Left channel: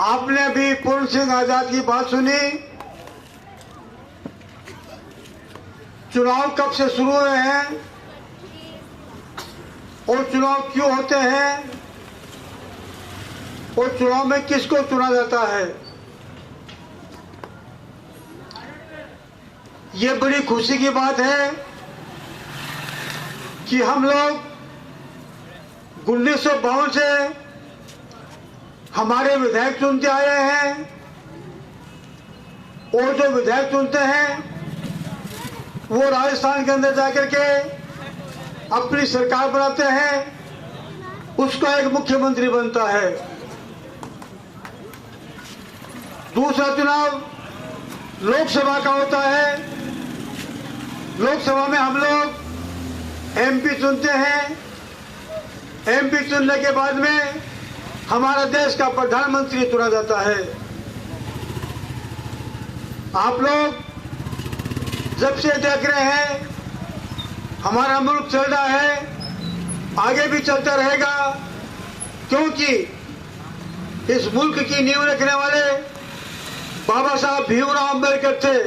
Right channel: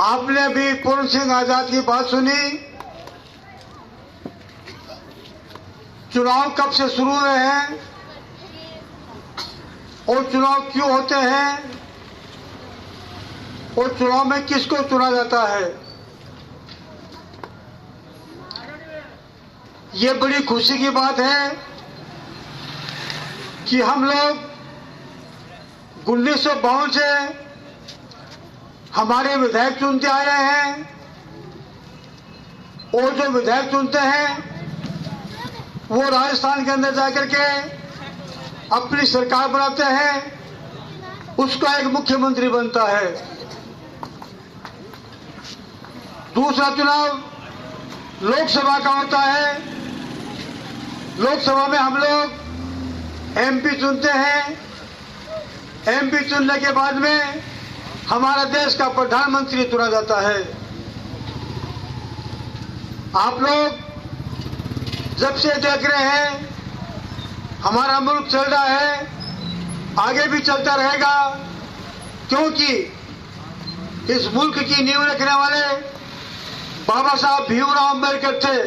आपने भी पूर्ण सिंह आजाद की बात सुनी। चुनाव कब से शुरू हुए हैं और चुनाव क्यों होते हैं और चुनाव में किसको चुना जाता है। ये बड़ी खुशी की बात है कि हम लोग 1952 से हमारे विधायक चुनते आए हैं और जो विधायक चुनते हैं वो राजस्थान के अंदर जाकर के अपनी सरकार बनाते हैं, उसका एक मुख्यमंत्री बनता है। दूसरा चुनाव लोकसभा का होता है। लोकसभा में हम लोग एमपी चुनते हैं। एमपी चुनने के बाद में हमारा देश का प्रधानमंत्री चुना जाता है। आप लोग जब से देख रहे हैं हमारा मुल्क चल रहा है, आगे भी चलता रहेगा, क्योंकि इस मुल्क की नींव रखने वाले बाबा साहब भीमराव अम्बेडकर थे।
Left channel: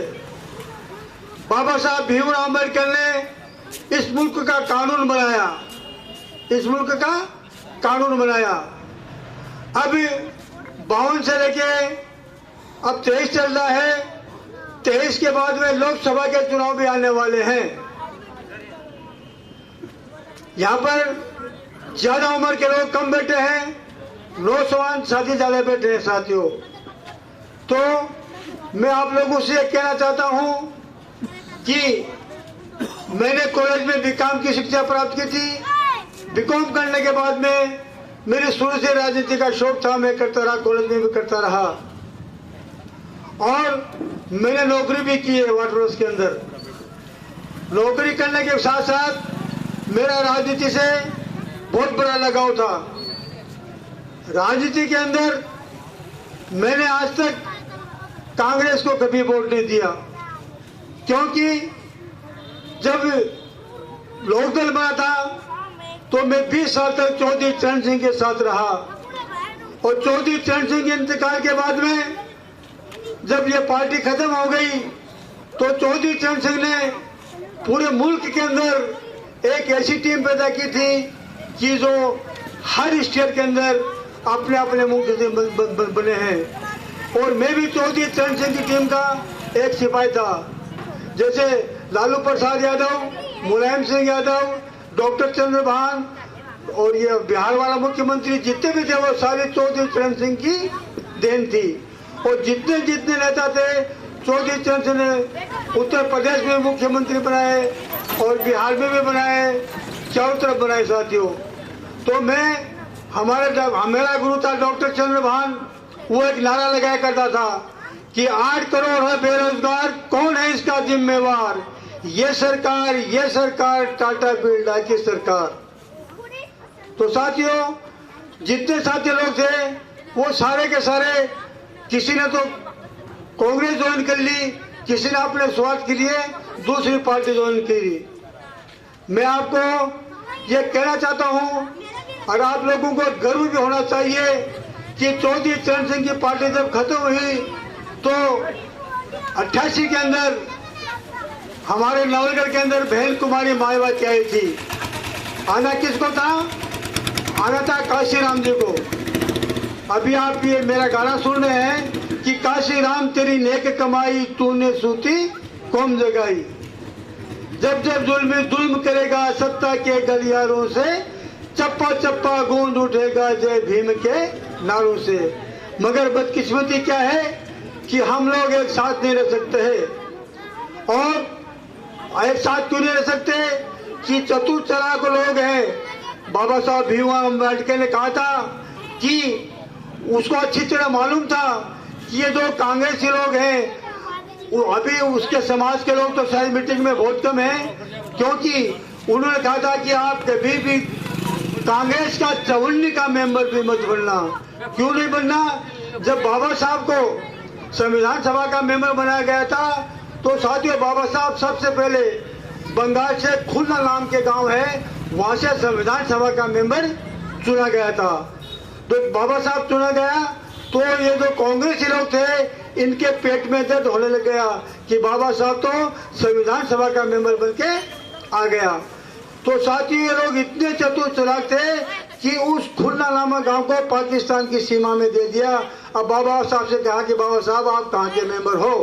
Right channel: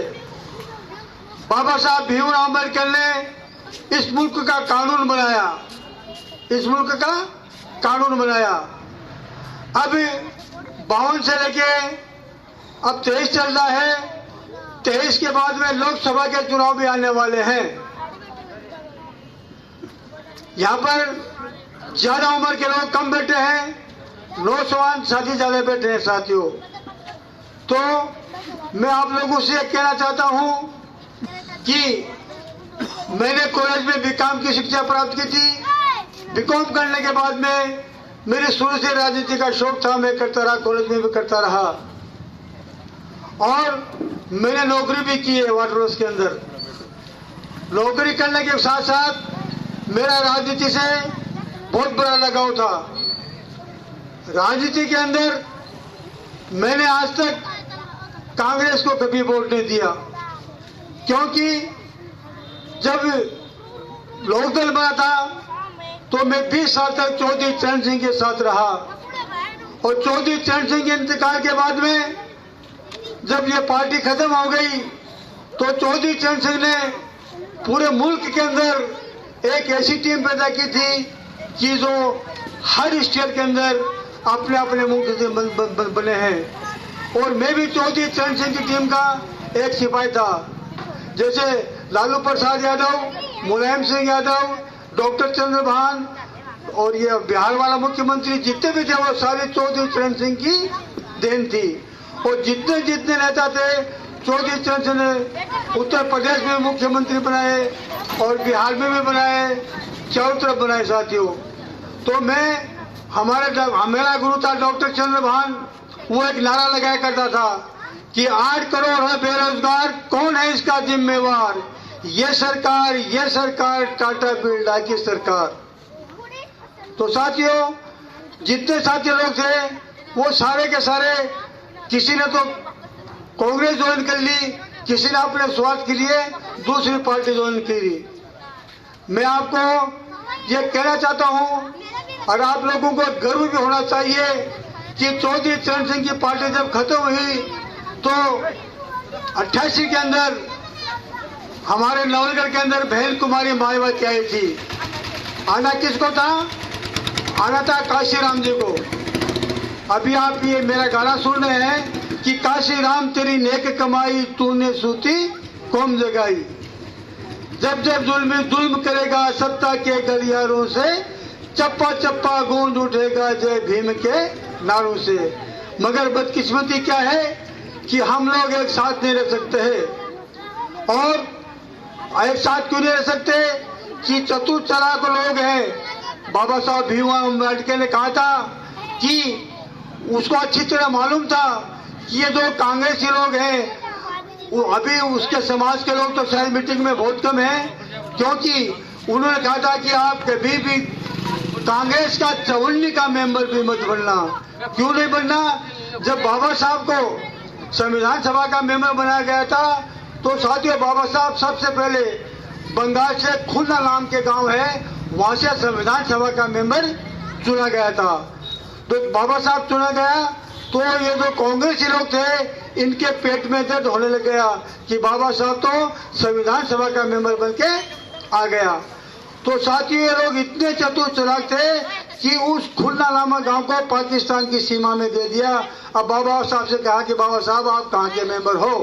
बाबा साहब भीमराव अम्बेडकर ने इस मुल्क का कानून बनाया, इस मुल्क का कानून बनाया। अब 52 से लेके अब 23 चल रहा है। 23 के बाद में लोकसभा के चुनाव भी आने वाले हैं। यहाँ पर ज्यादा उम्र के लोग कम बैठे हैं, नौजवान साथी ज्यादा बैठे हैं साथियों। तो मैं आप लोगों से कहना चाहता हूं कि मैंने कॉलेज में बीकॉम की शिक्षा प्राप्त की थी। बीकॉम करने के बाद में मेरे शुरू से राजनीति का शौक था, मैं करता रहा, कॉलेज में भी करता रहा और मैंने नौकरी भी की है वाटर वर्क्स के अंदर। नौकरी करने के साथ साथ मेरा राजनीति से बहुत बड़ा लगाव था। राजनीति के अंदर मैंने आज तक कांग्रेस को कभी वोट नहीं दिया, क्योंकि जब लोकदल बना था तो मैं 20 साल तक चौधरी चरण सिंह के साथ रहा और चौधरी चरण सिंह के इंतकाल के बाद में जब ये पार्टी खत्म हो गई तो चौधरी चरण सिंह ने पूरे मुल्क के अंदर एक ऐसी टीम पैदा की थी कि जो हर स्टेट के अंदर अपने अपने मुल्क से बने हैं। और मैं भी चौधरी चरण सिंह की टीम का एक सिपाही था। जैसे लालू प्रसाद यादव, मुलायम सिंह यादव, डॉक्टर चंद्रभान और ये बिहार वाला मुख्यमंत्री जितने भी थे वो सारे चौधरी चरण सिंह की देन थी। और जितने जितने नेता थे चौधरी चरण सिंह ने उत्तर प्रदेश में मुख्यमंत्री बनाए और बिहार में भी बनाए, चारों तरफ बनाए साथियों। तो मैं मेरा गुरु था डॉक्टर चंद्रभान, वो एक नारा लगाया करता था कि 8 करोड़ है बेरोजगार, कौन है इसका जिम्मेवार, ये सरकार टाटा बिरला की सरकार। तो साथियों जितने साथी लोग थे वो सारे के सारे, किसी ने तो कांग्रेस ज्वाइन कर ली, किसी ने अपने स्वार्थ के लिए दूसरी पार्टी ज्वाइन करी। मैं आपको ये कहना चाहता हूं और आप लोगों को गर्व भी होना चाहिए कि चौधरी चरण सिंह की पार्टी जब खत्म हुई तो 88 के अंदर हमारे नवलगढ़ के अंदर बहन कुमारी मायावती आई थी। आना किसको था? आना था काशीराम जी को। अभी आप ये मेरा गाना सुन रहे हैं कि काशीराम तेरी नेक कमाई तूने सूती कौम जगाई। जब जब जुल्म करेगा सत्ता के गलियारों से, चप्पा चप्पा गूंज उठेगा जय भीम के नारों से। मगर बदकिस्मती क्या है कि हम लोग एक साथ नहीं रह सकते हैं। और एक साथ क्यों नहीं रह सकते कि चतुर चालाक लोग हैं। बाबा साहब भीमराव अम्बेडकर ने कहा था कि उसको अच्छी तरह मालूम था कि ये जो कांग्रेसी लोग हैं वो अभी उसके समाज के लोग तो शायद मीटिंग में बहुत कम हैं, क्योंकि उन्होंने कहा था कि आप कभी भी कांग्रेस का 54 का मेंबर भी मत बनना। क्यों नहीं बनना? जब बाबा साहब को संविधान सभा का मेंबर बनाया गया था तो साथियों बाबा साहब सबसे पहले बंगाल से खुलना नाम के गांव है, वहां से संविधान सभा का मेंबर चुना गया था। तो बाबा साहब चुना गया तो ये जो कांग्रेसी लोग थे इनके पेट में दर्द होने लग गया कि बाबा साहब तो संविधान सभा का मेंबर बन के आ गया। तो साथियों ये लोग इतने चतुर चालाक थे कि उस खुलना नामक गांव को पाकिस्तान की सीमा में दे दिया। अब बाबा साहब से कहा कि बाबा साहब आप कहाँ के मेंबर हो?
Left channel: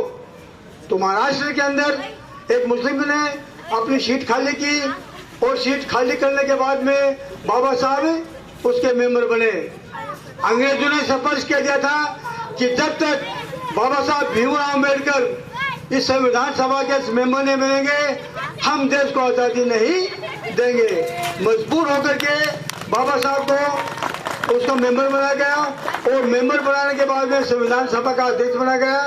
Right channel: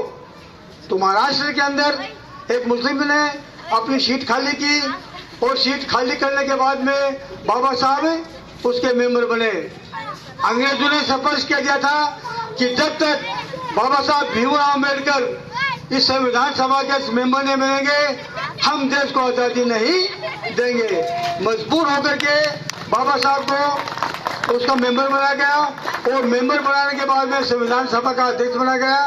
तो महाराष्ट्र के अंदर एक मुस्लिम ने अपनी सीट खाली की और सीट खाली करने के बाद में बाबा साहब उसके मेंबर बने। अंग्रेजों ने स्पष्ट कह दिया था कि जब तक बाबा साहब भीमराव अम्बेडकर इस संविधान सभा के मेंबर नहीं बनेंगे हम देश को आजादी नहीं देंगे। मजबूर होकर के बाबा साहब को उसका मेंबर बनाया गया और मेंबर बनाने के बाद में संविधान सभा का अध्यक्ष बना गया।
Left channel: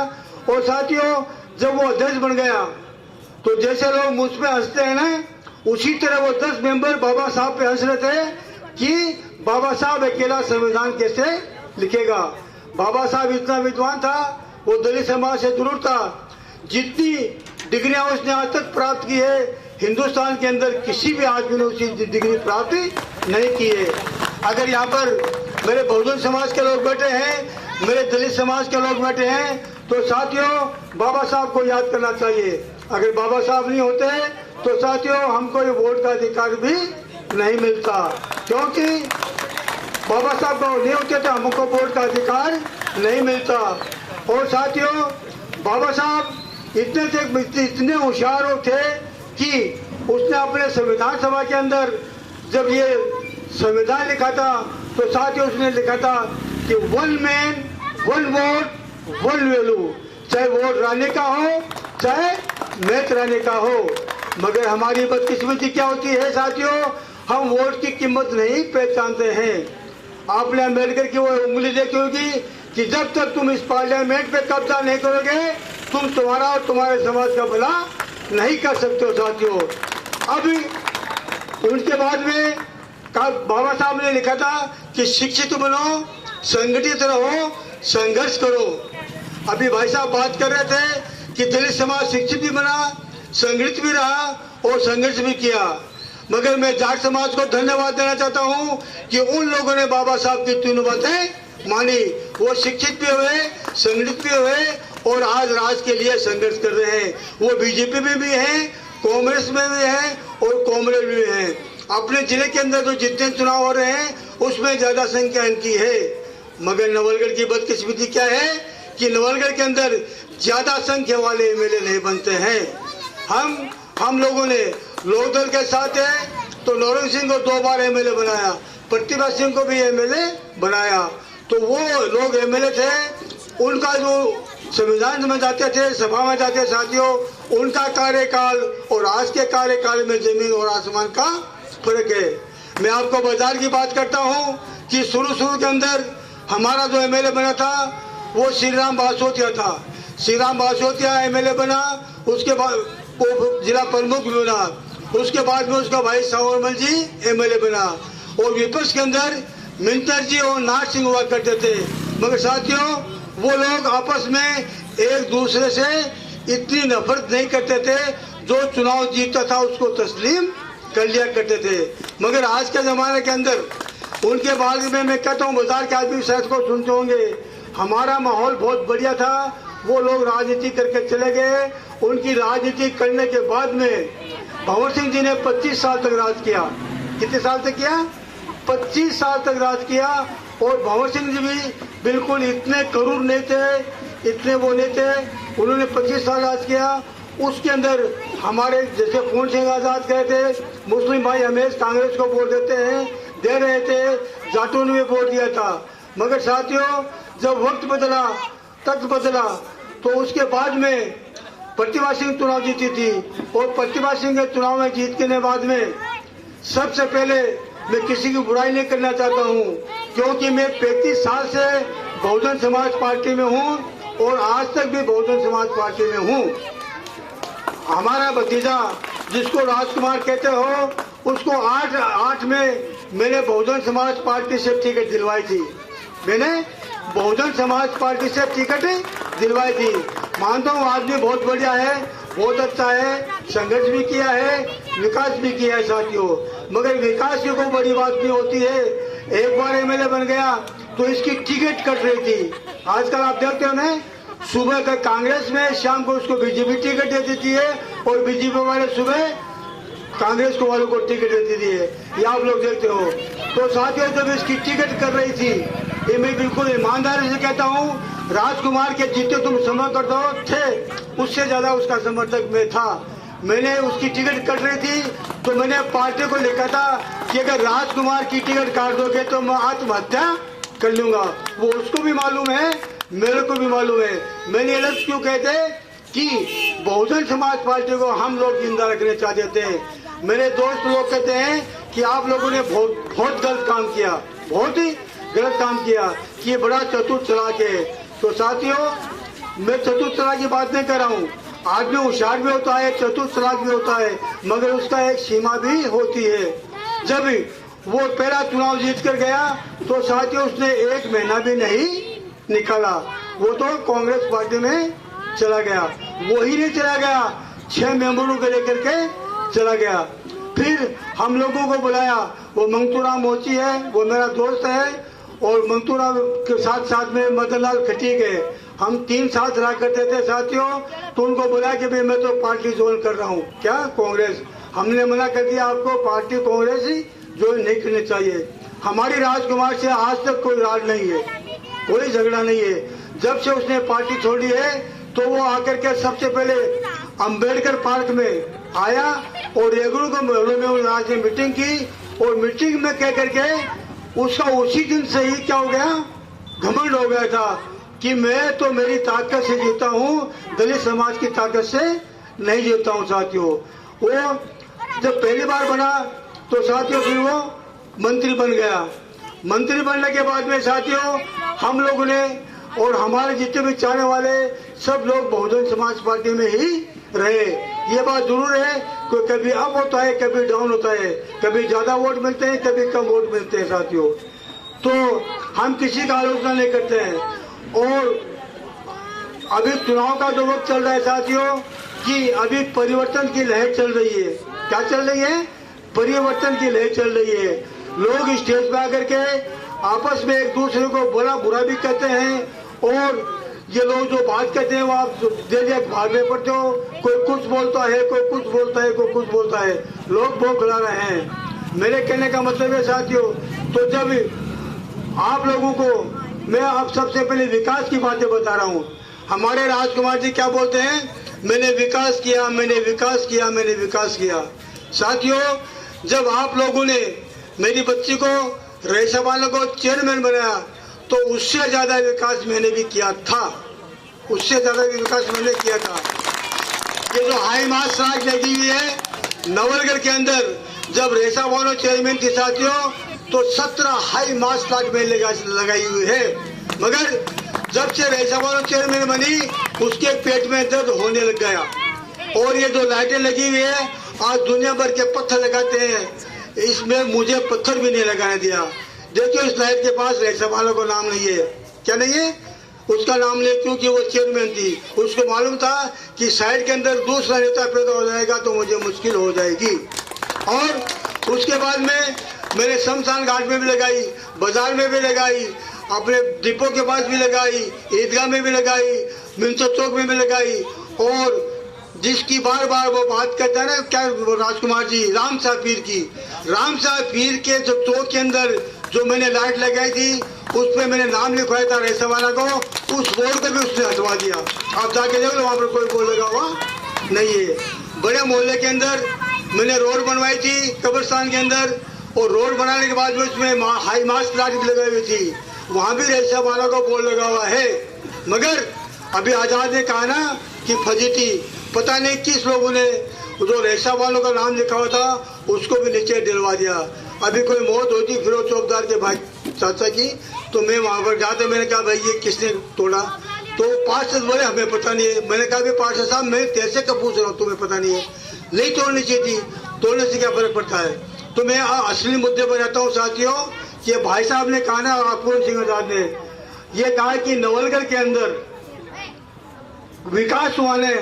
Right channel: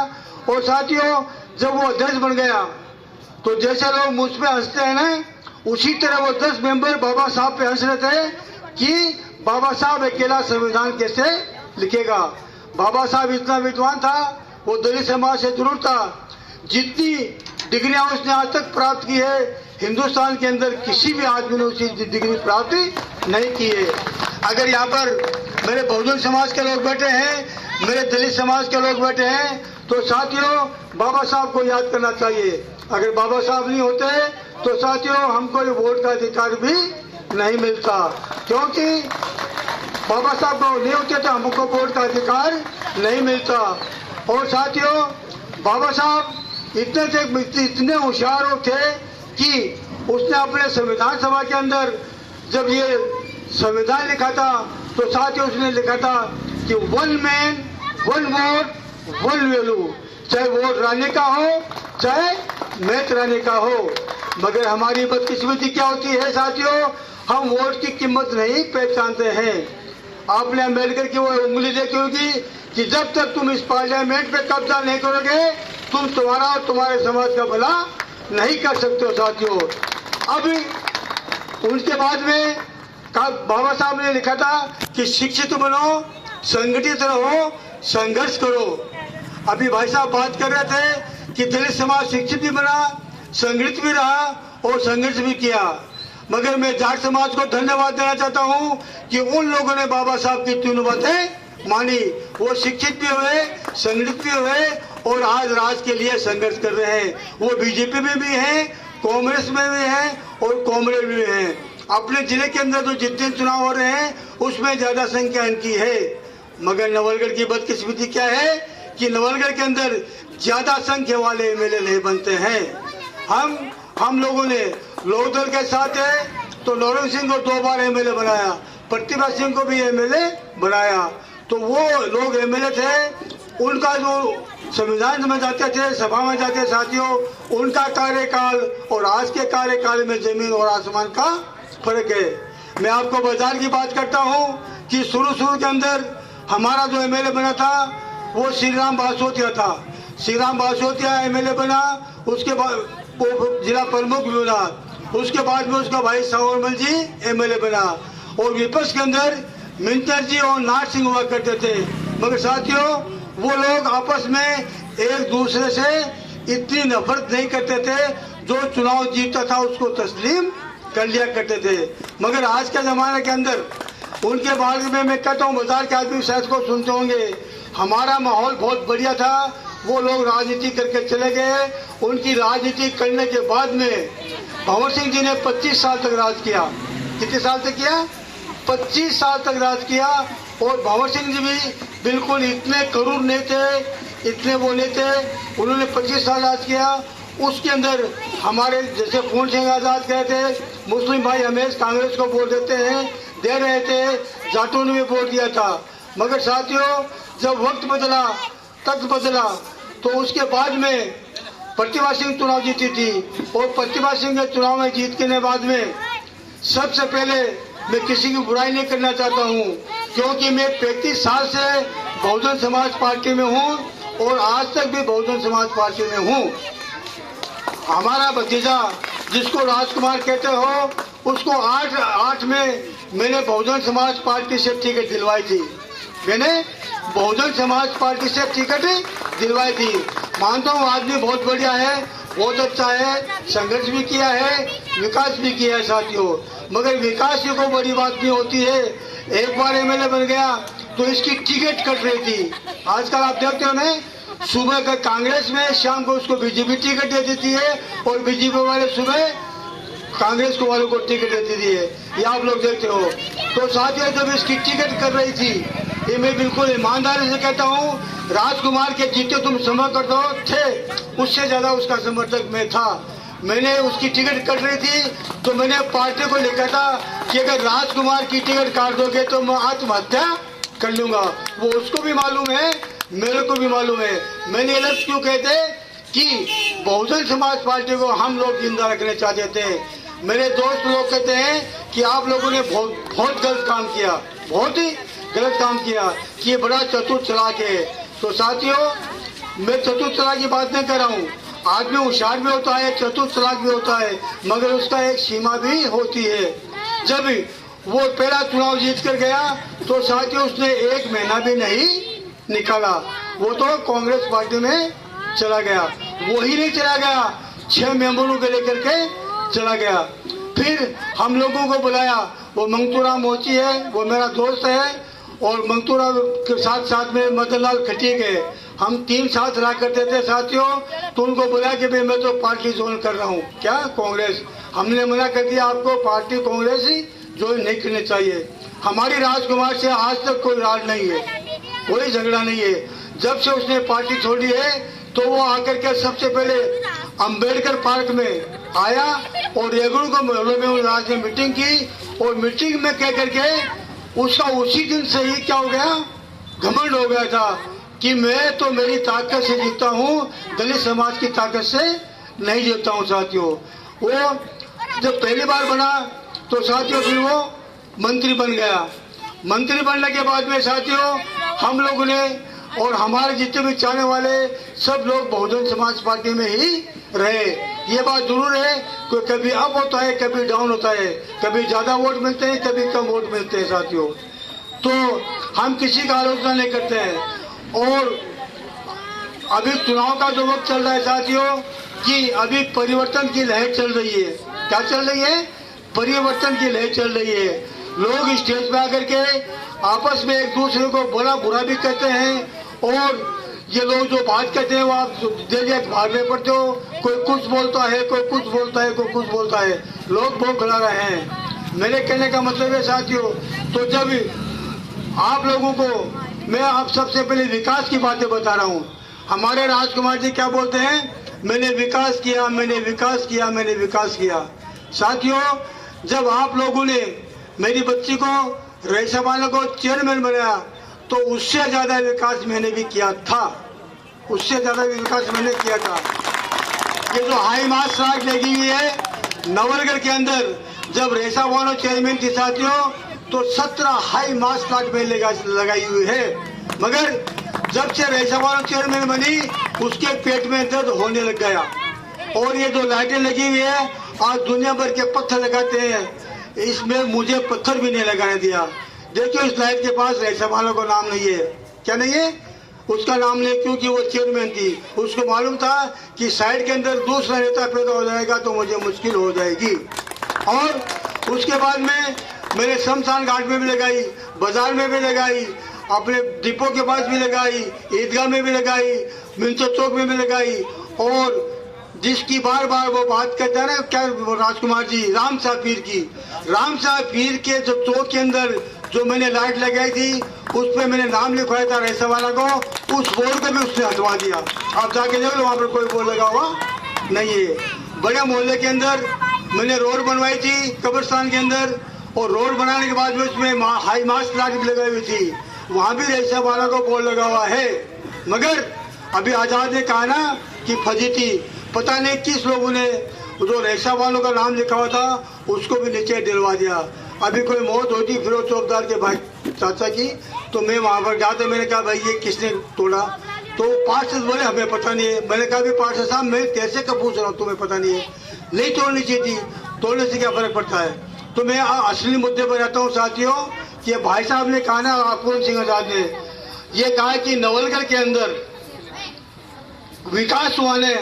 और साथियों जब वो अध्यक्ष बन गया तो जैसे लोग मुझ पे हंसते हैं ना, उसी तरह वो 10 मेंबर बाबा साहब पे हंस रहे थे कि बाबा साहब अकेला संविधान कैसे लिखेगा। बाबा साहब इतना विद्वान था, वो दलित समाज से जरूर था। जितनी डिग्रियां उसने आज तक प्राप्त की है हिंदुस्तान के अंदर किसी भी आदमी ने उसी डिग्री प्राप्त नहीं की है। अगर यहाँ पर मेरे बहुजन समाज के लोग बैठे हैं, मेरे दलित समाज के लोग बैठे हैं, तो साथियों बाबा साहब को याद करना चाहिए। अगर बाबा साहब नहीं होते तो साथियों हमको वोट का अधिकार भी नहीं मिलता, क्योंकि बाबा साहब नहीं होते तो हमको वोट का अधिकार नहीं मिलता। और साथियों बाबा साहब इतने होशियार थे कि उसने अपने संविधान सभा के अंदर जब ये संविधान लिखा था तो साथियों उसने लिखा था कि 1 मैन 1 वोट 1 वैल्यू, चाहे वोट रानी का हो चाहे नेत रानी का हो। मगर हमारी बदकिस्मती क्या होती है साथियों, हम वोट की कीमत नहीं पहचानते हैं। आपने अम्बेडकर की वो उंगली देखी होगी कि जब तक तुम इस पार्लियामेंट पे कब्जा नहीं करोगे तुम तुम्हारा और तुम्हारे समाज का भला नहीं कर सकते हो साथियों। अब उनके बाद में बाबा साहब ने लिखा था कि शिक्षित बनो, संगठित रहो, संघर्ष करो। अभी भाई साहब बात कर रहे थे कि दलित समाज शिक्षित भी बना, संगठित भी रहा और संघर्ष भी किया। मगर मैं जाट समाज को धन्यवाद देना चाहता हूं कि उन लोगों ने बाबा साहब की तीनों बातें मानी। वो शिक्षित भी हुए, संगठित भी हुए और आज राज के लिए संघर्ष कर रहे हैं। वो बीजेपी में भी है, कांग्रेस में भी है और कांग्रेस में भी है। अपने जिले के अंदर जो जितने चुनाव हो रहे हैं उसमें ज्यादा संख्या इनकी है। मगर नवलगढ़ की बदकिस्मती क्या है कि नवलगढ़ के अंदर ज्यादा संख्या वाले एमएलए नहीं बनते हैं। हम लोगों ने लोकदल के साथ है तो नौरंग सिंह को 2 बार एमएलए बनाया, प्रतिभा सिंह को भी एमएलए बनाया। तो वो लोग एमएलए थे, उनका जो संविधान में जाते थे, सभा में जाते साथियों, उनका कार्यकाल और आज के कार्यकाल में जमीन और आसमान का फर्क है। मैं आपको बाजार की बात करता हूँ कि शुरू के अंदर हमारा जो एमएलए बना था वो श्रीराम बासोतिया था। श्रीराम बासोतिया एमएलए बना, उसके बाद वो जिला प्रमुख भी बना, उसके बाद में उसका भाई सावरमल जी एमएलए बना। और विपक्ष के अंदर मिंटर जी और नाथ सिंह हुआ करते थे। मगर साथियों वो लोग आपस में एक दूसरे से इतनी नफरत नहीं करते थे, जो चुनाव जीतता था उसको तस्लीम कर लिया करते थे। मगर आज के जमाने के अंदर उनके बारे में मैं कहता हूँ, बाजार के आदमी शायद को सुनते होंगे, हमारा माहौल बहुत बढ़िया था, वो लोग राजनीति करके चले गए। उनकी राजनीति करने के बाद में भंवर सिंह जी ने 25 साल तक राज किया। कितने साल तक किया? 25 साल तक राज किया। और भंवर सिंह जी भी बिल्कुल इतने करूर नहीं थे, इतने वो नहीं थे, उन्होंने 25 साल राज किया। उसके अंदर हमारे जैसे पूर्ण सिंह आजाद गए थे, मुस्लिम भाई हमेश कांग्रेस को वोट दे रहे थे, जाटों ने भी वोट दिया था। मगर साथियों जब वक्त बदला, तख्त बदला, तो उसके बाद में प्रतिभा सिंह चुनाव जीती थी। और प्रतिभा सिंह के चुनाव में जीत के बाद में सबसे पहले मैं किसी की बुराई नहीं करना चाहता हूँ, क्योंकि मैं 35 साल से बहुजन समाज पार्टी में हूँ और आज तक भी बहुजन समाज पार्टी में हूँ। हमारा भतीजा जिसको राजकुमार कहते हो, उसको 8 में मैंने बहुजन समाज पार्टी से टिकट दिलवाई थी। मैंने बहुजन समाज पार्टी से टिकट दिलवाई थी। मानता हूँ आदमी बहुत बढ़िया है, बहुत अच्छा है, संघर्ष भी किया है, विकास भी किया है साथियों। मगर विकास की कोई बड़ी बात नहीं होती है। एक बार एमएलए बन गया तो इसकी टिकट कट रही थी। आजकल आप देखते हो ना, सुबह का कांग्रेस में, शाम को उसको बीजेपी टिकट दे देती है और बीजेपी वाले सुबह कांग्रेस को वालों को टिकट दे देती है। ये आप लोग देखते हो। तो साथियों, जब इसकी टिकट कर रही थी, ये मैं बिल्कुल ईमानदारी से कहता हूँ, राजकुमार के जितने तुम समर्थक थे उससे ज्यादा उसका समर्थक मैं था। मैंने उसकी टिकट कट रही थी तो मैंने पार्टी को लिखा था कि अगर राजकुमार की टिकट काट दोगे तो मैं आत्महत्या कर लूंगा। वो उसको भी मालूम है, मेरे को भी मालूम है। मैंने ये लफ्ज क्यों कहते कि बहुजन समाज पार्टी को हम लोग जिंदा रखना चाहते थे। मेरे दोस्त लोग कहते हैं कि आप लोगों ने बहुत गलत काम किया, बहुत ही गलत काम किया, कि ये बड़ा चतुर चालाक है। तो साथियों, मैं चतुर चालाक की बात नहीं कर रहा हूँ। आदमी होशियार भी होता है, चतुर चालाक भी होता है, मगर उसका एक सीमा भी होती है। जब वो पहला चुनाव जीत कर गया तो साथियों उसने 1 महीना भी नहीं निकाला, वो तो कांग्रेस पार्टी में चला गया। वो ही नहीं चला गया, 6 मेंबरों को लेकर के चला गया। फिर हम लोगों को बुलाया, वो मंगतूराम मोची है, वो मेरा दोस्त है, और मंगतूराम के साथ साथ में मदन लाल खटीक है। हम 3 साथ रहा करते थे साथियों। तो उनको बोला कि भाई मैं तो पार्टी ज्वाइन कर रहा हूँ, क्या कांग्रेस। हमने मना कर दिया, आपको पार्टी कांग्रेस ही ज्वाइन नहीं करनी चाहिए। हमारी राजकुमार से आज तक कोई राज नहीं है, कोई झगड़ा नहीं है। जब से उसने पार्टी छोड़ी है तो वो आकर के सबसे पहले अंबेडकर पार्क में आया और रेगुलर को मोहल्लों में आज ने मीटिंग की, और मीटिंग में कह करके उसका उसी दिन से ही क्या हो गया, घमंड हो गया था कि मैं तो मेरी ताकत से जीता हूँ, दलित समाज की ताकत से नहीं जीता हूँ। साथियों, वो जब पहली बार बना तो साथियों फिर वो मंत्री बन गया। मंत्री बनने के बाद में साथियों हम लोगों ने और हमारे जितने भी चाहने वाले सब लोग बहुजन समाज पार्टी में ही रहे। ये बात जरूर है तो कभी अप होता है, कभी डाउन होता है, कभी ज्यादा वोट मिलते हैं, कभी कम वोट मिलते हैं साथियों। तो हम किसी का आलोचना नहीं करते हैं। और अभी चुनाव का जो वक्त चल रहा है साथियों, कि अभी परिवर्तन की लहर चल रही है। क्या चल रही है? परिवर्तन की लहर चल रही है। लोग स्टेज पे आकर के आपस में एक दूसरे को बड़ा बुरा भी कहते हैं, और ये लोग जो बात कहते हैं वो आप देखिए भागने पड़ते हो, कोई कुछ बोलता है, कोई कुछ बोलता है, कोई कुछ बोलता है, लोग बहुत खिला रहे हैं। मेरे कहने का मतलब है साथियों, तो जब आप लोगों को मैं आप सबसे पहले विकास की बातें बता रहा हूँ। हमारे राजकुमार जी क्या बोलते हैं, मैंने विकास किया, मैंने विकास किया, मैंने विकास किया। साथियों, जब आप लोगों ने मेरी बच्ची को राज्यसभा को चेयरमैन बनाया तो उससे ज्यादा विकास मैंने भी किया था, उससे ज्यादा विकास मैंने किया था। ये जो हाई मास राज लगी हुई है नवलगढ़ के अंदर, जब रेशा वालों चेयरमैन की साथियों तो 17 हाई मास प्लाट में लगाई हुई है। मगर जब से रेशा वालों चेयरमैन बनी उसके पेट में दर्द होने लग गया। और ये जो लाइटें लगी हुई है आज दुनिया भर के पत्थर लगाते हैं, इसमें मुझे पत्थर भी नहीं लगाने दिया। देखिए इस लाइट के पास रेशा वालों का नाम नहीं है। क्या नहीं है? उसका नाम नहीं, क्योंकि वो चेयरमैन थी। उसको मालूम था कि साइड के अंदर दूसरा नेता पैदा हो जाएगा तो मुझे मुश्किल हो जाएगी। और उसके बाद में मैंने शमशान घाट में भी लगाई, बाजार में भी लगाई, अपने डिपो के पास भी लगाई, ईदगाह में भी लगाई, मिंचो चौक में भी लगाई। और जिसकी बार बार वो बात कहता है ना, क्या वो राजकुमार जी, राम साहब पीर की, राम साहब पीर के जो चौक के अंदर जो मैंने लाइट लगाई थी उस पर मैंने नाम लिखवाया था रेशा वाला को, उस बोर्ड को भी उसने हटवा दिया। आप जाके देखो वहाँ पर कोई बोर्ड लगा हुआ नहीं है। बड़े मोहल्ले के अंदर मैंने रोड बनवाई थी कब्रिस्तान के अंदर, और रोड बनाने के बाद में उसमें हाई मास प्लाट भी लगाई हुई थी, वहाँ भी रेशा वाला को बोर्ड लगा हुआ है। मगर अभी आजाद ने कहा ना कि फजीती, पता नहीं किस लोगों ने जो रेशा वालों का नाम लिखा हुआ था उसको भी नीचे दिलवा दिया। अभी कोई मौत होती फिरोज चौकदार के भाई चाचा की, तो मैं वहां पर जाते मैंने कहा भाई ये किसने तोड़ा, तो पार्षद बोले हमें पता नहीं है। मैंने कहा पार्षद साहब मैं कैसे कब पूछ रहा हूँ, तुम्हें पता नहीं है? नहीं तोड़नी चाहिए थी, तोड़ने से क्या फर्क पड़ता है? तो मैं असली मुद्दे पर रहता हूँ साथियों। कि भाई साहब ने कहा ना, अकबर सिंह आजाद ने ये कहा कि नवलगढ़ के अंदर विकास हुआ है,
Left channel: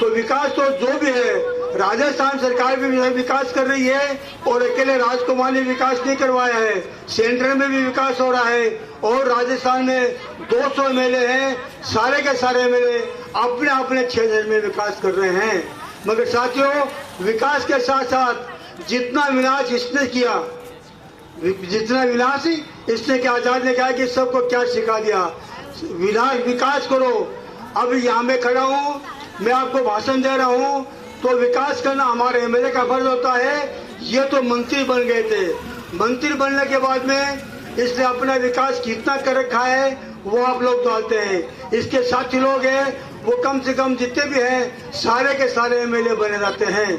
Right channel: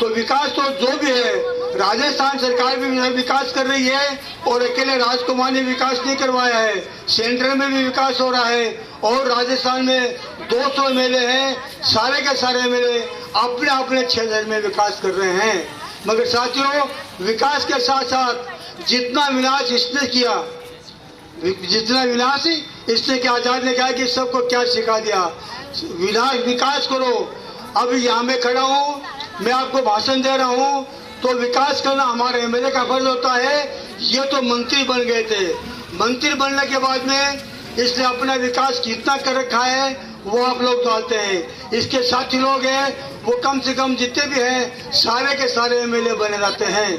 तो विकास तो जो भी है राजस्थान सरकार भी विकास कर रही है और अकेले राजकुमार ने विकास नहीं करवाया है, सेंटर में भी विकास हो रहा है। और राजस्थान में 200 एमएलए हैं, सारे के सारे एमएलए अपने अपने क्षेत्र में विकास कर रहे हैं। मगर साथियों, विकास के साथ साथ जितना विनाश इसने किया, आजाद ने कहा कि सबको क्या सिखा दिया, विकास करो। अब यहाँ मैं खड़ा हूँ, मैं आपको भाषण दे रहा हूँ, तो विकास करना हमारे एमएलए का फर्ज होता है। ये तो मंत्री बन गए थे, मंत्री बनने के बाद में इसने अपना विकास कितना कर रखा है वो आप लोग जानते हैं। इसके साथी लोग हैं, वो कम से कम जितने भी हैं सारे के सारे एमएलए बने जाते हैं।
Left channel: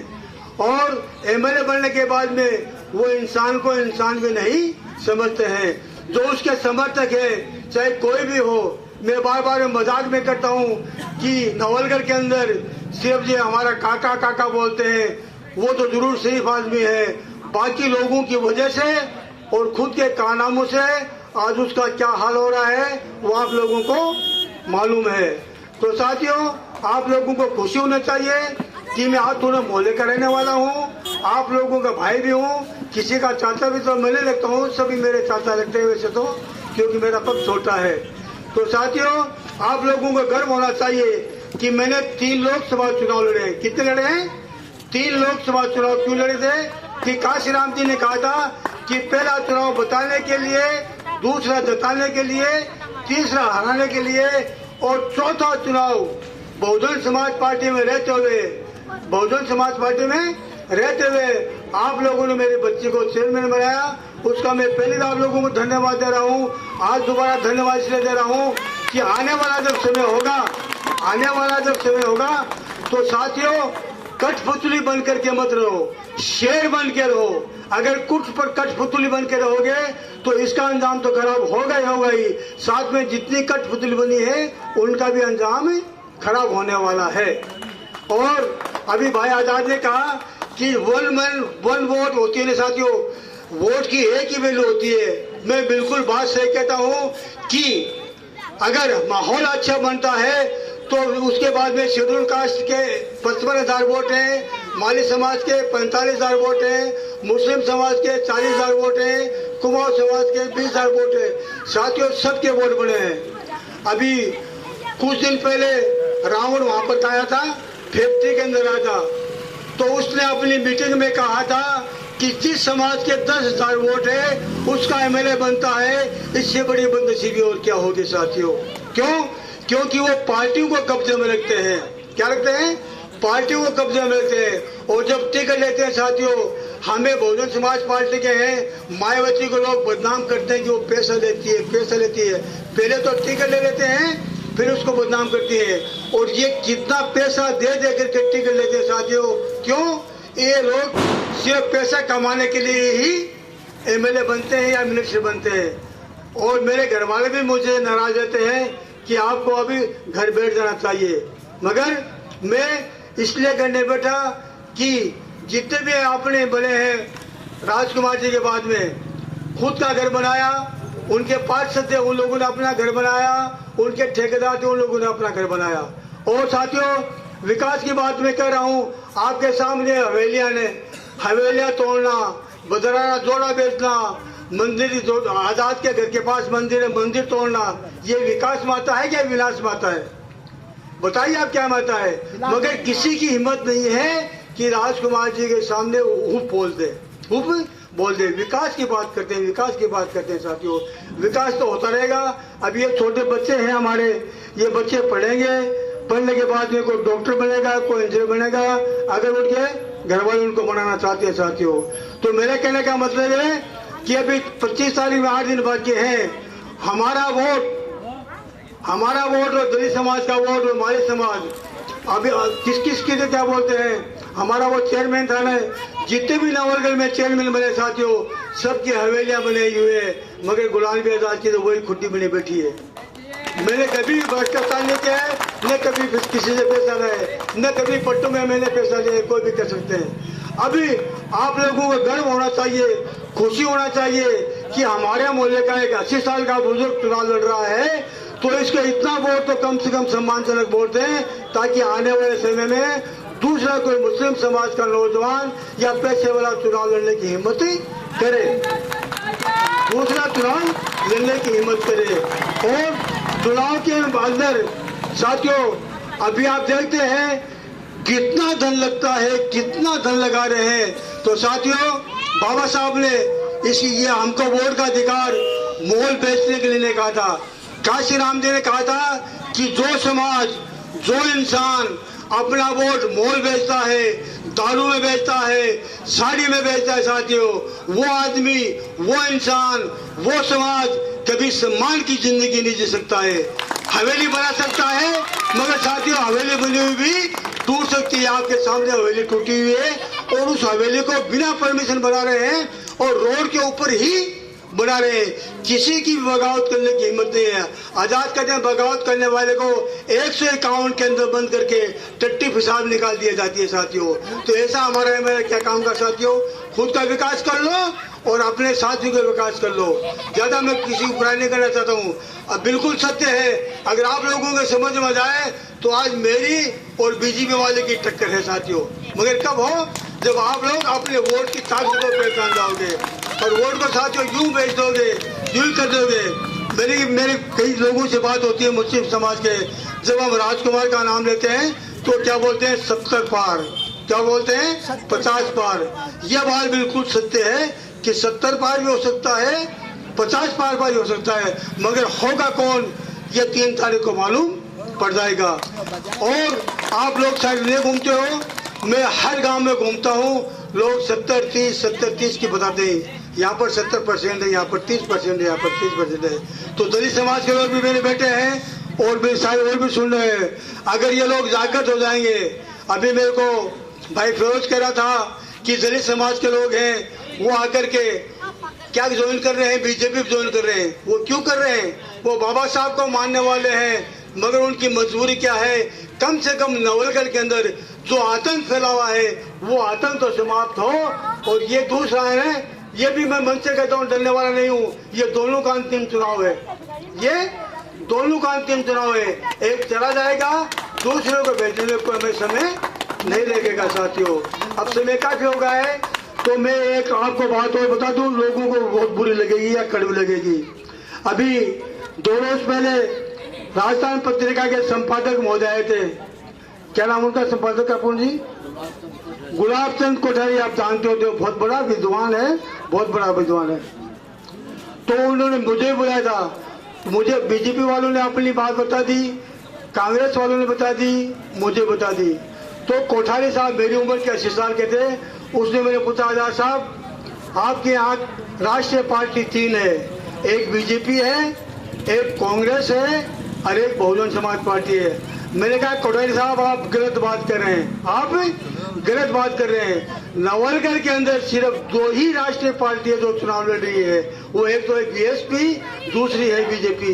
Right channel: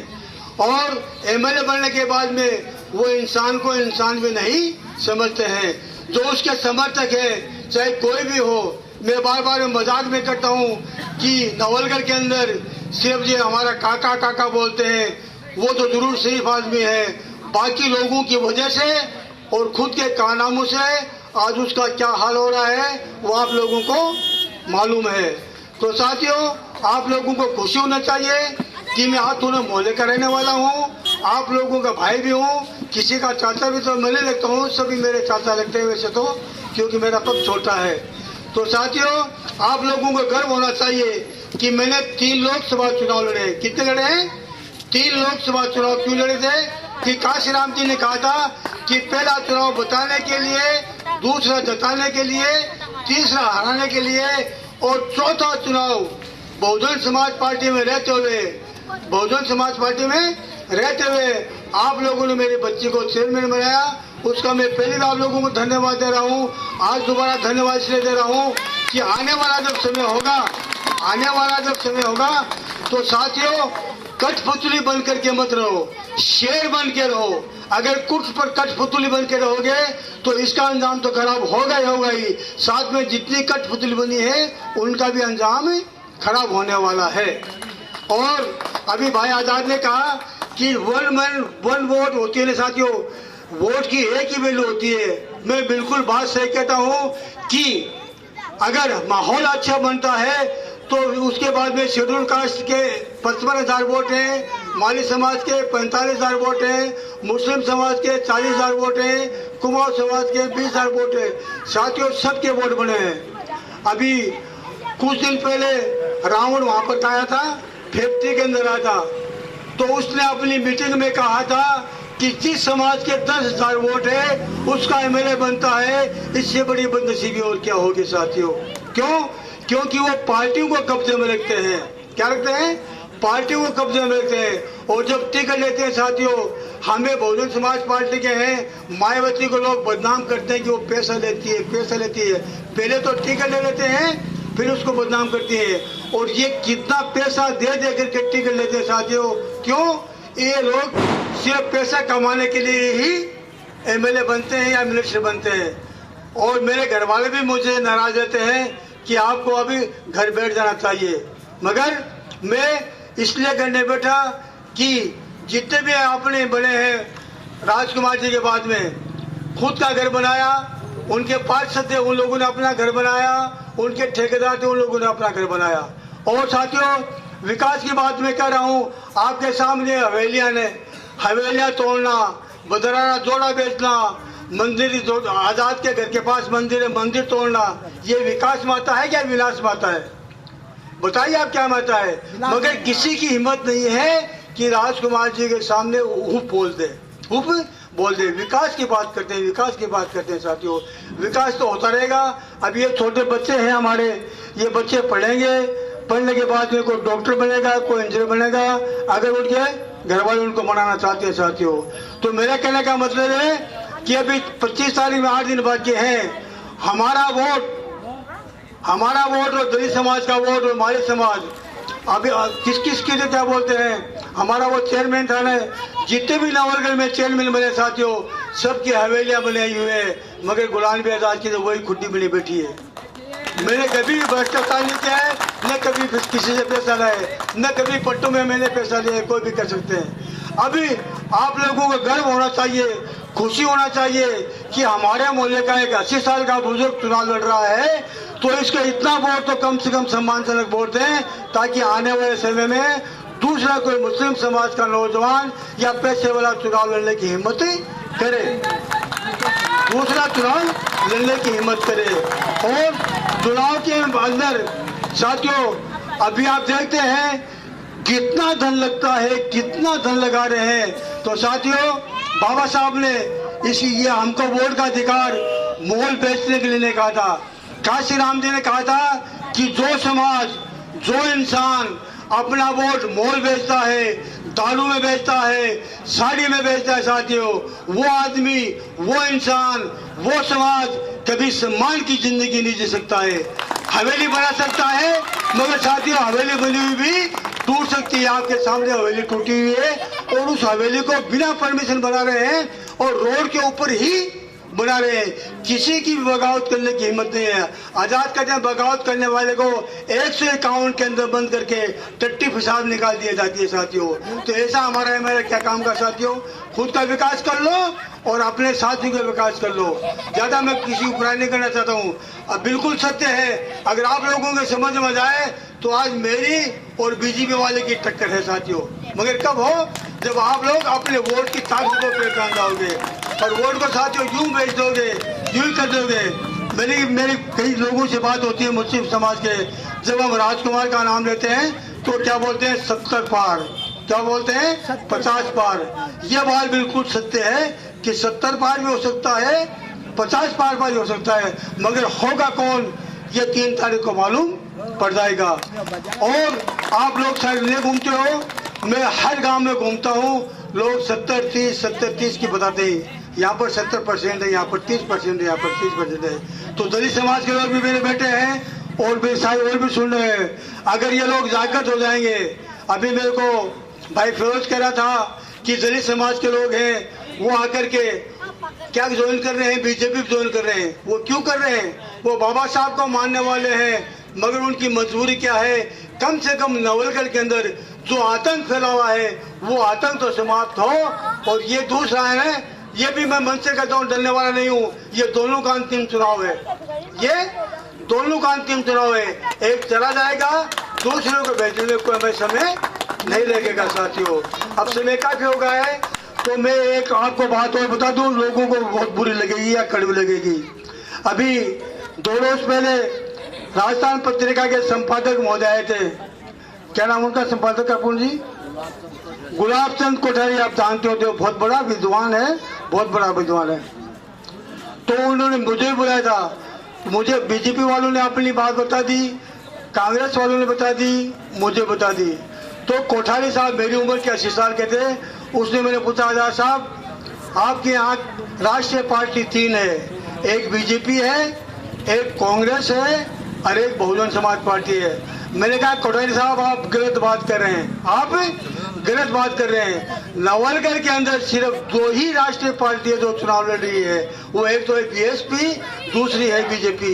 और एमएलए बनने के बाद में वो इंसान को इंसान भी नहीं समझते हैं। जो उसके समर्थक है, चाहे कोई भी हो, मैं बार बार मजाक में करता हूँ कि नवलगढ़ के अंदर सिर्फ जी हमारा काका काका बोलते हैं, वो तो जरूर शरीफ आदमी है, बाकी लोगों की वजह से और खुद के कारनामों से आज उसका क्या हाल हो रहा है वो आप लोगों को मालूम है। तो साथियों, आप लोगों को खुशी होना चाहिए कि मैं हाथ दोनों मोहल्ले का रहने वाला हूँ, आप लोगों का भाई भी हूँ, किसी का चाचा भी तो मैं नहीं लगता हूँ, सभी मेरे चाचा लगते हैं वैसे तो, क्योंकि मेरा पद छोटा है। तो साथियों, आप लोगों को गर्व होना चाहिए कि मैंने 3 लोकसभा चुनाव लड़े। कितने लड़े हैं? 3 लोकसभा चुनाव क्यों लड़े थे कि काशीराम जी ने कहा था कि पहला चुनाव बताने के लिए, दूसरा जताने के लिए, तीसरा हराने के लिए और चौथा चुनाव बहुजन समाज पार्टी में रहते हुए आप लोगों ने मेरे बच्चे को चेयरमैन बनाया। उसका मैं पहले भी आप लोगों को धन्यवाद दे रहा हूँ, आज दोबारा धन्यवाद इसलिए दे रहा हूँ कि आने वाला जब समय होगा तो साथियों, कठपुतली बन करके मत रहो, शेर बन के रहो। अगर कुछ पर कठपुतली बन के रहोगे तो इसका अंजाम तो खराब होगा ही, साथ में जितनी कठपुतली बनी है उनका भी अंजाम खराब होने वाला है। और अभी भाई आजाद ने कहा कि 1 मैन 1 वोट होती है ना साथियों, वोट की एक ही वैल्यू होती है। मैं बिल्कुल बात सही कहता हूँ कि अगर माहौल अच्छा बनता है तो उसके बाद में शेड्यूल कास्ट के 55,000 वोट हैं, माली समाज के 45,000 वोट हैं, मुस्लिम समाज के 40,000 वोट हैं, कुमाऊं समाज के 20,000 वोट हैं। साथियों, सबके वोट बने हैं। अभी कुछ दिन पहले रावण वहां पर आया था, फैक्ट्री के अंदर आया था, तो उसने अपनी मीटिंग में कहा था कि जिस समाज के 10,000 वोट है उसका एमएलए बनता है। इससे बड़ी बदनसीबी और क्या होगी साथियों? क्यों? क्योंकि वो पार्टी को कब्जे में रखते हैं। क्या रखते हैं? पार्टी को कब्जे में रखते हैं। और जब टिकट लेते हैं साथियों, हमें बहुजन समाज पार्टी के हैं, मायावती को लोग बदनाम करते हैं कि वो पैसा लेती है। पहले तो टिकट ले लेते हैं, फिर उसको बदनाम करती है। और ये कितना पैसा दे करके टिकट लेते हैं साथियों। क्यों? ये लोग सिर्फ पैसा कमाने के लिए ही एमएलए बनते हैं या मिनिस्टर बनते हैं। और मेरे घर वाले भी मुझे नाराज रहते हैं कि आपको अभी घर बैठ जाना चाहिए। मगर मैं इसलिए घर नहीं बैठा कि जितने भी आपने बने हैं, राजकुमार जी के बाद में खुद का घर बनाया, उनके पार्षद थे उन लोगों ने अपना घर बनाया, उनके ठेकेदार थे उन लोगों ने अपना घर बनाया। और साथियों, विकास की बात मैं कह रहा हूँ, आपके सामने हवेलियां तोड़ना, बदराना जोड़ा बेचना, मंदिर आजाद के घर के पास मंदिर तोड़ना, ये विकास माता है या विनाश माता है? बताइए आप क्या माता है? मगर किसी की हिम्मत नहीं है कि राजकुमार जी के सामने हुप बोल दे। विकास की बात करते हैं साथियों। विकास तो होता रहेगा। अब ये छोटे बच्चे हैं हमारे, ये बच्चे पढ़ेंगे, पढ़ने के बाद में कोई डॉक्टर बनेगा, कोई इंजीनियर बनेगा, अगर उनके घर वाले उनको बनाना चाहते हैं साथियों। तो मेरा कहने का मतलब है कि अभी 25 तारीख में 8 दिन बाकी हैं। हमारा वोट और दलित समाज का वोट और माली समाज, अभी किस के क्या बोलते हैं, हमारा वो चेयरमैन था ना, जितने भी नवलगढ़ में चेयरमैन बने साथियों, सबकी हवेलियां बनाई हुए, मगर गुलाम नबी आजाद की तो वही खुट्टी बनी बैठी है। मैंने कभी भी भ्रष्टाचार नहीं किया है, न कभी किसी से पैसा लाए, न कभी पट्टों में मैंने पैसा लिया, कोई भी कर सकते हैं। अभी आप लोगों को गर्व होना चाहिए, खुशी होना चाहिए कि हमारे मोहल्ले का एक 80 साल का बुजुर्ग चुनाव लड़ रहा है, तो इसके इतना वोट तो कम से कम सम्मानजनक वोट दें, ताकि आने वाले समय में दूसरा कोई मुस्लिम समाज का नौजवान या पैसे वाला चुनाव लड़ने की हिम्मत करे, दूसरा चुनाव लड़ने की हिम्मत करे। और चुनाव के अंदर साथियों अभी आप देखते हैं कितना धन लगता है, कितना धन लगा रहे हैं। तो साथियों बाबा साहब ने ये हमको वोट का अधिकार मोल बेचने के लिए नहीं कहा था। काशी राम जी ने कहा था कि जो समाज, जो इंसान अपना वोट मोल बेचता है, दारू में बेचता है, साड़ी में बेचता है साथियों, वो आदमी, वो इंसान, वो समाज कभी सम्मान की जिंदगी नहीं जी सकता है। हवेली बना सकता है मगर साथियों हवेली बनी हुई भी टूट सकती है। आपके सामने हवेली टूटी हुई है और उस हवेली को बिना परमिशन बना रहे हैं और रोड के ऊपर ही बना रहे हैं। किसी की भी बगावत करने की हिम्मत नहीं है। आजाद कहते हैं बगावत करने वाले को 151 के अंदर बंद करके टट्टी पेशाब निकाल दिया जाती है साथियों। तो ऐसा हमारा एमएलए क्या काम का साथियों, खुद का विकास कर लो और अपने साथियों का विकास कर लो। ज्यादा मैं किसी को बुराई नहीं करना चाहता हूँ। अब बिल्कुल सत्य है, अगर आप लोगों के समझ में जाए तो आज मेरी और बीजेपी वाले की टक्कर है साथियों। मगर कब हो, जब आप लोग अपने वोट की ताकत को पहचान जाओगे और वोट को साथियों यूं बेच दोगे, यूं कर दोगे। मेरी कई लोगों से बात होती है मुस्लिम समाज के, जब हम राजकुमार का नाम लेते हैं तो क्या बोलते हैं 70 पार, क्या बोलते हैं 50 पार। यह बात बिल्कुल सत्य है कि 70 पार भी हो सकता है, 50 पार भी हो सकता है, मगर होगा कौन ये 3 तारीख को मालूम पड़ जाएगा। और आप लोग शायद नहीं घूमते हो, मैं हर गांव में घूमता हूँ, लोग 70-30 की बताते हैं। यहाँ पर 70% है, यहाँ पर 30% है, यहाँ पर 30% है। तो दलित समाज के लोग भी मेरे बेटे हैं और भी शायद और भी सुन रहे हैं। अगर ये लोग जागृत हो जाएंगे, अभी मेरे को भाई फिरोज कह रहा था कि दलित समाज के लोग हैं वो आकर के क्या ज्वाइन कर रहे हैं, बीजेपी ज्वाइन कर रहे हैं। वो क्यों कर रहे हैं? वो बाबा साहब को मानने वाले हैं, मगर उनकी मजबूरी क्या है, कम से कम नवलगढ़ के अंदर जो आतंक फैला हुआ है वो आतंक तो समाप्त हो। और ये दूसरा है, ये भी मैं मन से कहता हूँ, डरने वाला नहीं हूँ, ये दोनों का अंतिम चुनाव है, ये दोनों का अंतिम चुनाव है। एक चला जाएगा, दूसरे को भेजने को हमें समय नहीं लगेगा साथियों। अब समय काफी हो गया है, तो मैं एक आपको बात और बता दूं, लोगों को बहुत बुरी लगेगी या कड़वी लगेगी। अभी 2 रोज पहले राजस्थान पत्रिका के संपादक महोदय आए थे, क्या नाम उनका संपादक अपुन जी, गुलाब चंद कोठारी, आप जानते हो, बहुत बड़ा विद्वान है, बहुत बड़ा विद्वान है। तो उन्होंने मुझे बुलाया था, मुझे बीजेपी वालों ने अपनी बात बता दी, कांग्रेस वालों ने बता दी, मुझे बता दी। तो कोठारी साहब मेरी उम्र के 80 साल के थे, उसने मैंने पूछा आजाद साहब आपके यहाँ राष्ट्रीय पार्टी 3 है, एक बीजेपी है, एक कांग्रेस है और एक बहुजन समाज पार्टी है। मैंने कहा कोठारी साहब आप गलत बात कर रहे हैं, आप गलत बात कर रहे हैं। नवलगढ़ के अंदर सिर्फ 2 ही राष्ट्रीय पार्टी है जो चुनाव लड़ रही है, वो एक तो है बीएसपी, दूसरी है बीजेपी।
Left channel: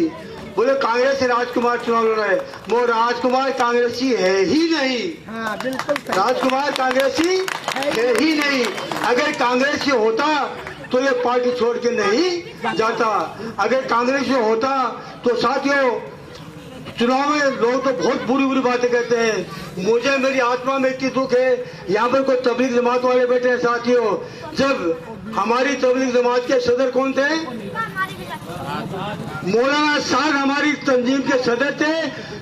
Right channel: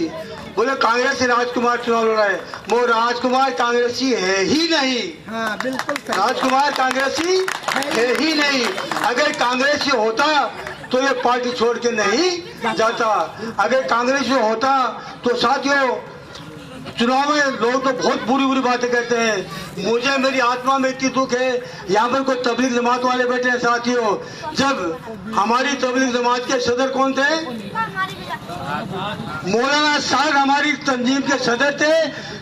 बोले कांग्रेस से राजकुमार चुनाव लड़ रहा है, वो राजकुमार कांग्रेसी है ही नहीं। हाँ, बिल्कुल राजकुमार कांग्रेसी है ही नहीं। अगर कांग्रेसी होता तो ये पार्टी छोड़ के नहीं जाता। अगर कांग्रेसी होता तो साथियों चुनाव में लोग तो बहुत बुरी बुरी बातें कहते हैं। मुझे मेरी आत्मा में इतनी दुख है, यहाँ पर कोई तबलीग जमात वाले बैठे हैं साथियों। जब हमारी तबलीग जमात के सदर कौन थे, मौलाना साहब हमारी तंजीम के सदर थे।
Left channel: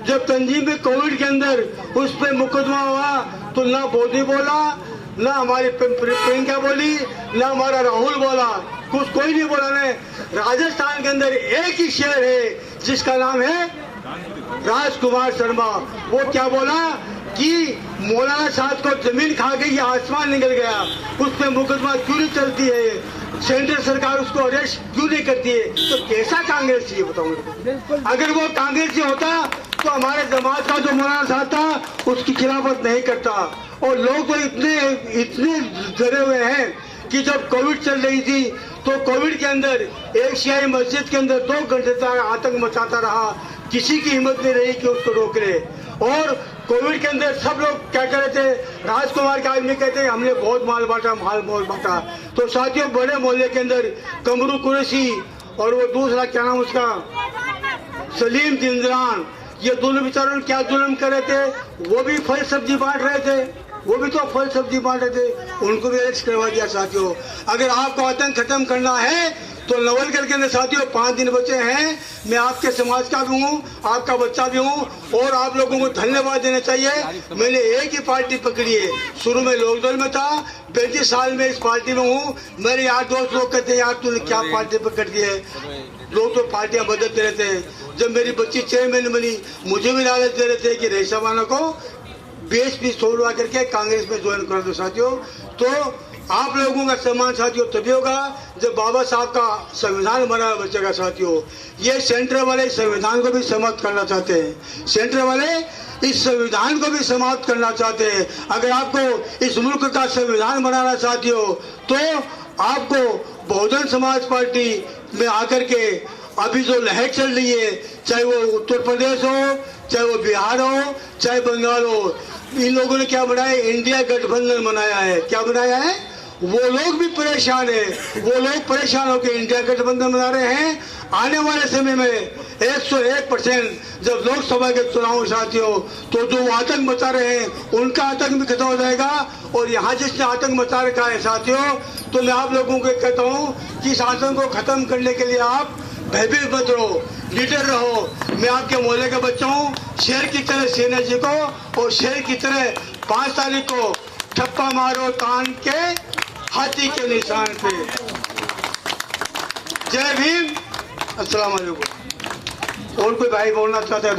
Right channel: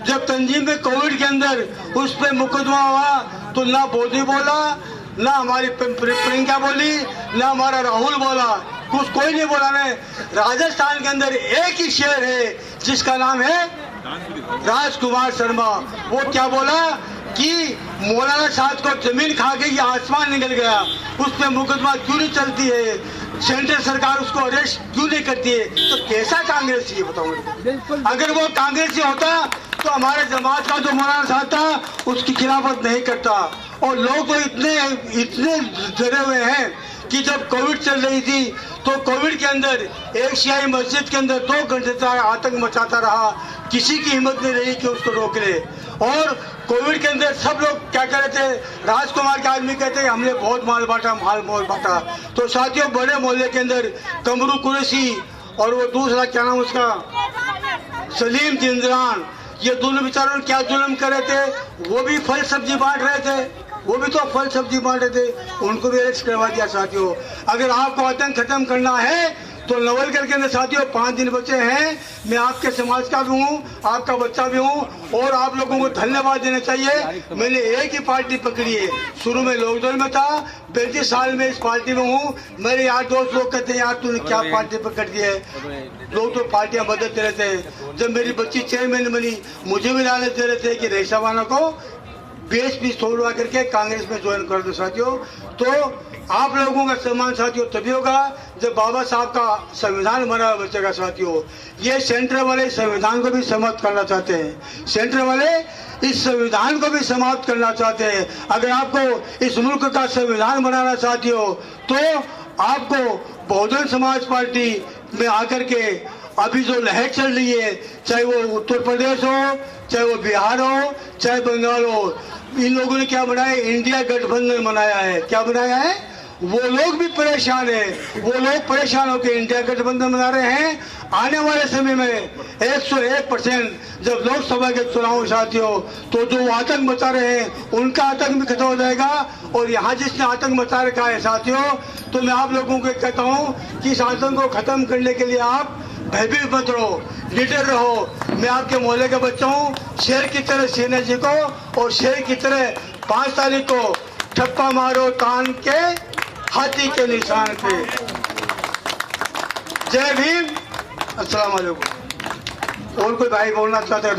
जब तंजीम में कोविड के अंदर उस पर मुकदमा हुआ तो ना मोदी बोला, ना हमारी प्रियंका बोली, ना हमारा राहुल बोला, कुछ कोई नहीं बोला। ने राजस्थान के अंदर एक ही शहर है जिसका नाम है राजकुमार शर्मा। वो क्या बोला कि मौलाना साहब को जमीन खा गई, आसमान निकल गया, उस पर मुकदमा क्यों नहीं चलती है, सेंट्रल सरकार उसको अरेस्ट क्यों नहीं करती है। तो कैसा कांग्रेसी है बताओ। अगर वो कांग्रेसी होता तो हमारे जमात का जो मौलाना साहब था उसकी खिलाफत नहीं करता। और लोग तो इतने डरे हुए हैं कि जब कोविड चल रही थी तो कोविड के अंदर एक शियाई मस्जिद के अंदर 2 घंटे तक आतंक मचाता रहा, किसी की हिम्मत नहीं रही कि उसको रोक ले। और कोविड के अंदर सब लोग क्या कह रहे थे, राजकुमार के आदमी कहते हैं हमने बहुत माल बांटा, माल बांटा। तो साथियों बड़े मोहल्ले के अंदर कमरू कुरैशी और वो दूसरा क्या नाम उसका सलीम जिंदरान, ये दोनों बेचारों ने क्या जुल्म कर रहे थे, वो भी फल सब्जी बांट रहे थे, वो भी तो फल सब्जी बांट रहे थे, उनको भी अरेस्ट करवा दिया साथियों। अगर आपको आतंक खत्म करना है तो नवलगढ़ के अंदर साथियों 5 दिन बचे हैं। मैं आपके समाज का भी हूँ, आपका बच्चा भी हूँ और आप लोगों को धन्यवाद देना चाहिए। मैंने एक ही पार्टी पकड़ी है, शुरू में लोकदल में था, 35 साल में इस पार्टी में हूँ। मेरे यार दोस्त लोग कहते हैं यार तूने क्या पार्टी पकड़ दी है, लोग तो पार्टियां बदलते रहते हैं। जब मेरी बच्ची चेयरमैन बनी मुझे भी लालच दे रहे थे कि रेसावाना को बीएसपी छोड़वा करके कांग्रेस में ज्वाइन कर दो साथियों। तो आप लोगों का सम्मान साथियों तभी होगा जब बाबा साहब का संविधान बना बचेगा साथियों। ये सेंटर वाले संविधान को भी समाप्त करना चाहते हैं, सेंटर वाले इस संविधान को भी समाप्त करना चाहते हैं। अगर आपको इस मुल्क का संविधान बनाना चाहती हो तो आपको बहुजन समाज पार्टी में आकर के अभी जो लहर चल रही है, चाहे वो उत्तर प्रदेश हो, चाहे वो बिहार हो, चाहे बंगाल हो, इन लोगों ने क्या बनाया, इंडिया गठबंधन बनाया है। क्या बनाया है, वो लोग भी परेशान है, वो लोग परेशान होकर इंडिया गठबंधन बना रहे हैं। आने वाले समय में 101% जब लोकसभा के चुनाव साथियों तो जो आतंक मचा रहे हैं उनका आतंक भी खत्म हो जाएगा। और यहाँ जिसने आतंक मचा रखा है साथियों, तो मैं आप लोगों को कहता हूँ कि इस आतंक को खत्म करने के लिए आप भयभीत मत रहो, लीडर रहो। मैं आपके मोहल्ले का बच्चा हूँ, शेर की तरह सेना जी को और शेर की तरह 5 तारीख को ठप्पा मारो तान के हाथी के निशान पे। जय भीम, अस्सलाम वालेकुम। और कोई भाई बोलना चाहता है?